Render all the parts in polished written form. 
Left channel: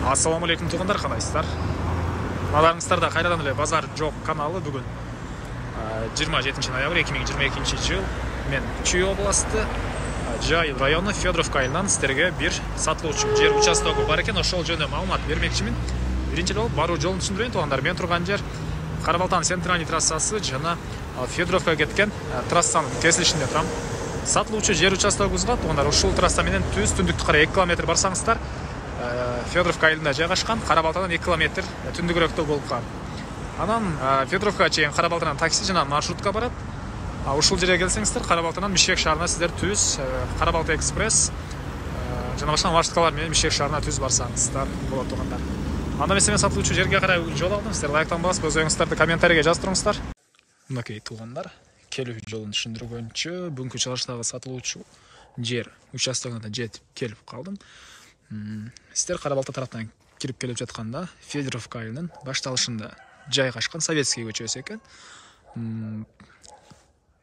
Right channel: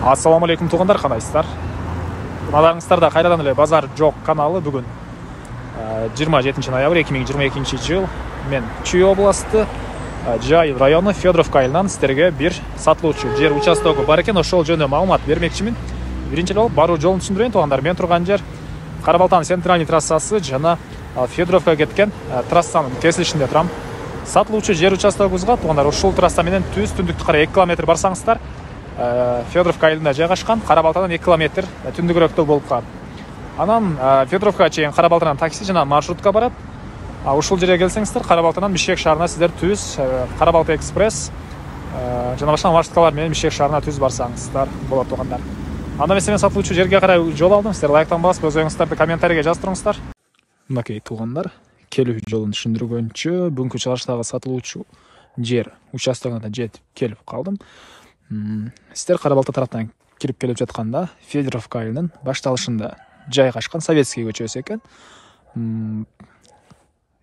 Ассаламу алейкум туғандар, қандайсыздар? Назарыңыздарда қайрадан эле Базар жоқ каналы. Бүгін 27 ноябрь 2022 жыл. Мен Чүй областы Жайыл районы Федоровка айылынан сіздерге бір сатылуучу жер участогы бар екен. Ошол жөнүндө маалымат бермекчимин. Биринчи болуп баруу жолун түшүндүрөйүн туғандар. Мен турган жер Карабалтан центральный трассасы жана Федоровка кеткен трассанын кесилишинде турам. Сатылуучу жер участогубузга туғандар ушул трасса менен түз түндүктү карай 2 км барсаңыздар Федоровка айылында жайгашкан, Карабалтандан 2 км түндүгүрөөктө болуп калат. Анан Федоровка чейин Карабалтандан такси жана маршрутка барат. Ушул жерге келсеңиздер, Карабалтандан Бишкек шаарына сиздер түз Карабалта экспресс жана башка маршруткалар менен Бишкек шаарына түз барсаңыздар болот тугандар. Анда мен сатылуучу жерге карай жол алдым. Сиздер лайктан басып, өз оюңуздарды комментарийге жазып туруңуздар. Мынакей тугандар, келүү жолун түшүндүргөнчө бүгүнкү чыгарыштагы сатылуучу жер участогуна жетип келип калдым. Сиздер Карабалта тараптан кирип келип жатканда Федоровка айылынын башталышында жайгашкан Советский көчөсү экен.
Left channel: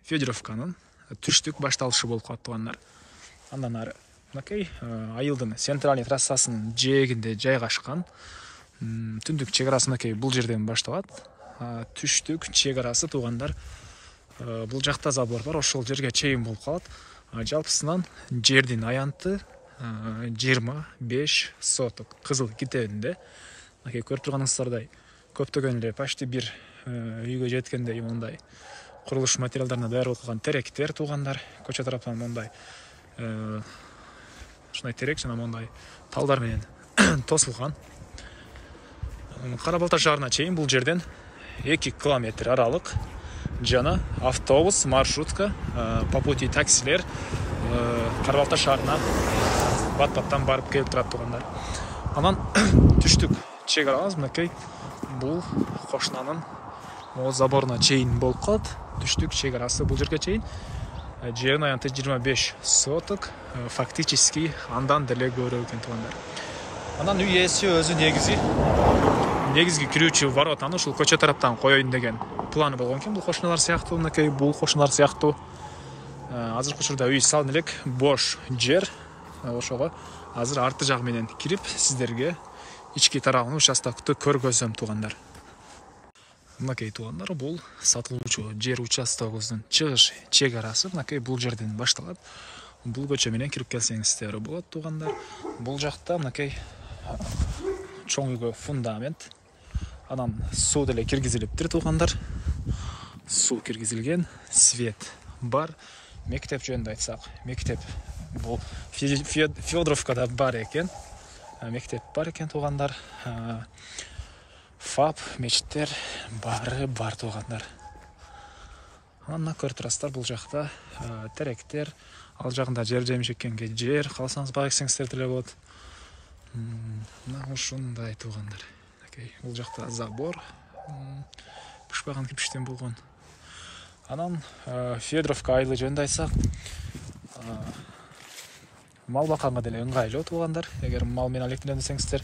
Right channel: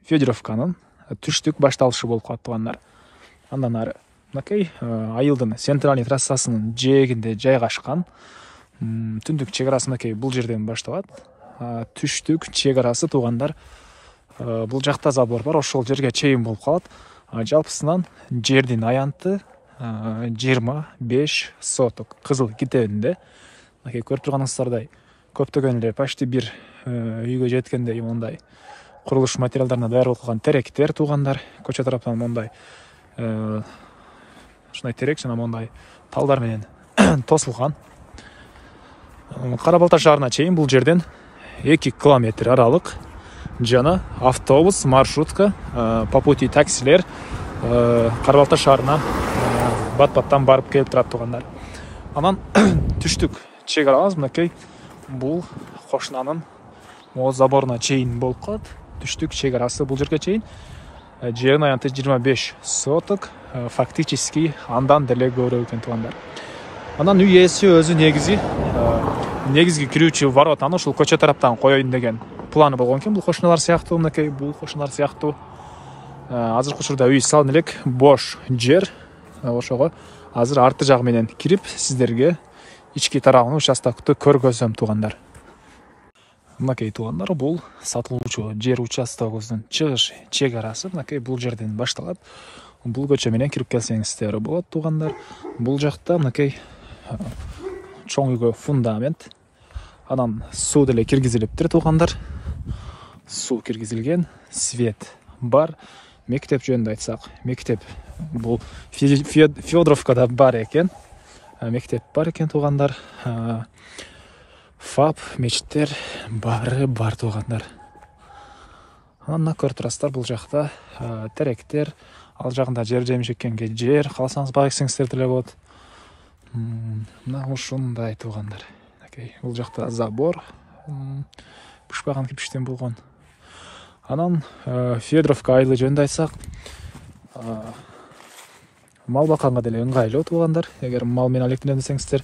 Федоровканын түштүк башталышы болуп калат тугандар. Андан ары мынакей айылдын центральный трассасынын жээгинде жайгашкан. Түндүк чек арасы мынакей бул жерден башталат. Түштүк чек арасы тугандар бул жакта забор бар, ошол жерге чейин болуп калат. Жалпысынан жердин аянты 25 соток кызыл китебинде. Мынакей көрүп турганыңыздардай көптөгөн эле почти бир үйгө жеткендей мондай курулуш материалдарына даяр болуп калган теректер тугандар. Көчө тараптан мондай ушундай терек жана мондай талдар менен тосулган. Карабалта шаарына чейин бул жерден 2 км аралык жана автобус, маршрутка, по пути таксилер Карабалта шаарына бат-баттан барып келип турат тугандар. Анан түштүк чек арабыз мынакей бул кошунанын заборуна чейин болуп калат. Түштүк чек арасы бул жерге чейин. Жердин аянты 25 соток, фактически андан деле көбүрөөк экен тугандар. Анан үй ээси өзү негизги кирүүчү воротаны ушул көчө тараптан коеюн деген планы болгон экен. Бул кошуналар сыяктуу, мынакей бул кошуналар сыяктуу азыркы учурда үй салын элек, бош жер. Ошого азыр арты жагы менен кирип сиздерге ички тарабын участокту көргөзөм тугандар. Мынакей тугандар, бул сатылуучу жер участогубуздун чыгыш чек арасы мынакей бул жерден башталат. Бул көчө менен кирип келсеңиздер болот тугандар. Бул жакта мынакей чоң үйгө фундамент, анан суу деле киргизилиптир тугандар. Суу киргизилген, свет бар. Мектеп жөнүндө айтсак, мектеп бул Федоровкада бар экен. Мектеп бар экен тугандар. ФАП, мечиттер бар тугандар. Анан көртүрастар бул жакта теректер, ал жагында жер жемишеккенге жер, калсаңыз бак эксеңиздер деле болот. Мына ушундай тугандар. Бул жакта забор бышпаган кирпичтен болгон. Анан Федоровка айылы жөнүндө айтсак, мал бакканга деле ыңгайлуу тугандар. Эгер мал менен алектенем десеңиздер,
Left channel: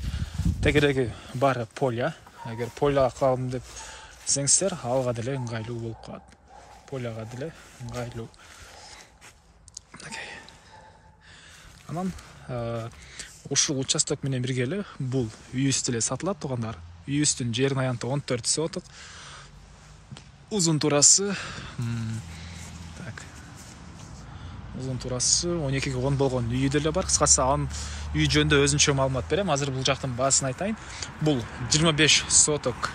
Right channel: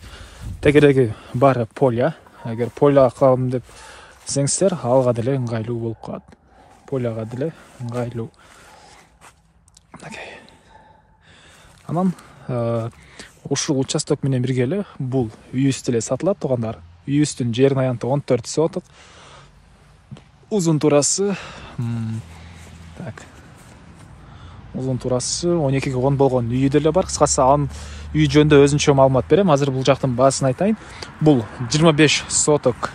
тегереги баары поля. Эгер поля кылам деп десеңиздер, алга деле ыңгайлуу болуп калат. Поляга деле ыңгайлуу. Анан ушул участок менен бирге бул үйүбүз деле сатылат тугандар. Үйүбүздүн жерин аянты 14 соток. Uzun турасы uzun турасы 12 10 болгон үйү деле бар. Кыскасы анын үй жөнүндө өзүнчө маалымат берем. Азыр бул жактын баасын айтайын. Бул 25 соток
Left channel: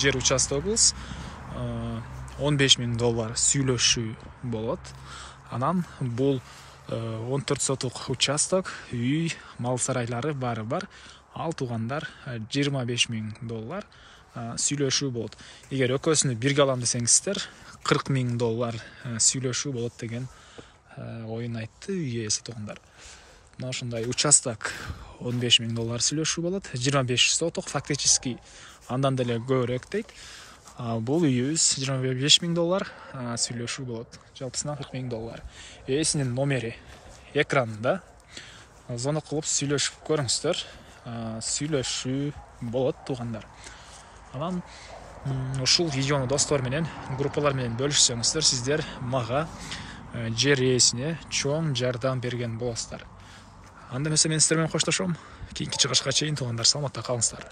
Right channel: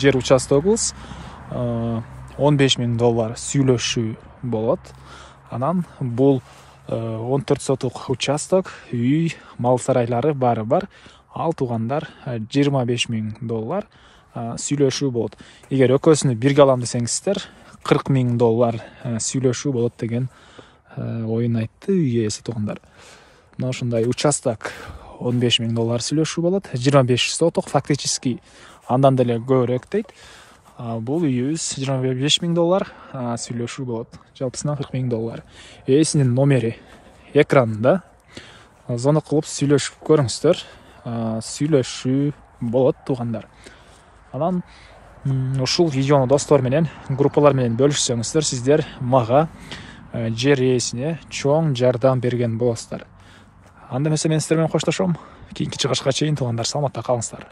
жер участогубуз. $15,000 сүйлөшүү болот. Анан бул 14 соток участок, үй, мал сарайлары баары бар. Ал тугандар $25,000 сүйлөшүү болот. Эгер экөөсүнү бирге алам десеңиздер, $40,000 сүйлөшүү болот деген оюн айтты үй ээси тугандар. Мына ушундай участок $15,000 сүйлөшүү болот. 25 соток фактически андан деле көбүрөөк дейт. Бул үйүбүз $25,000 сүйлөшүү болот. Жалпысынан $40,000. Ээсинин номери экранында. Звонок кылып сүйлөшүп көрүңүздөр. Сүйлөшүү болот тугандар. Анан ушул видеону достор менен, группалар менен бөлүшсөңүздөр, сиздер мага жер ээсине чоң жардам берген болосуздар. Анда эмесе мен сиздер менен коштошом. Кийинки чыгышка чейин туугандар саламатта калыңыздар.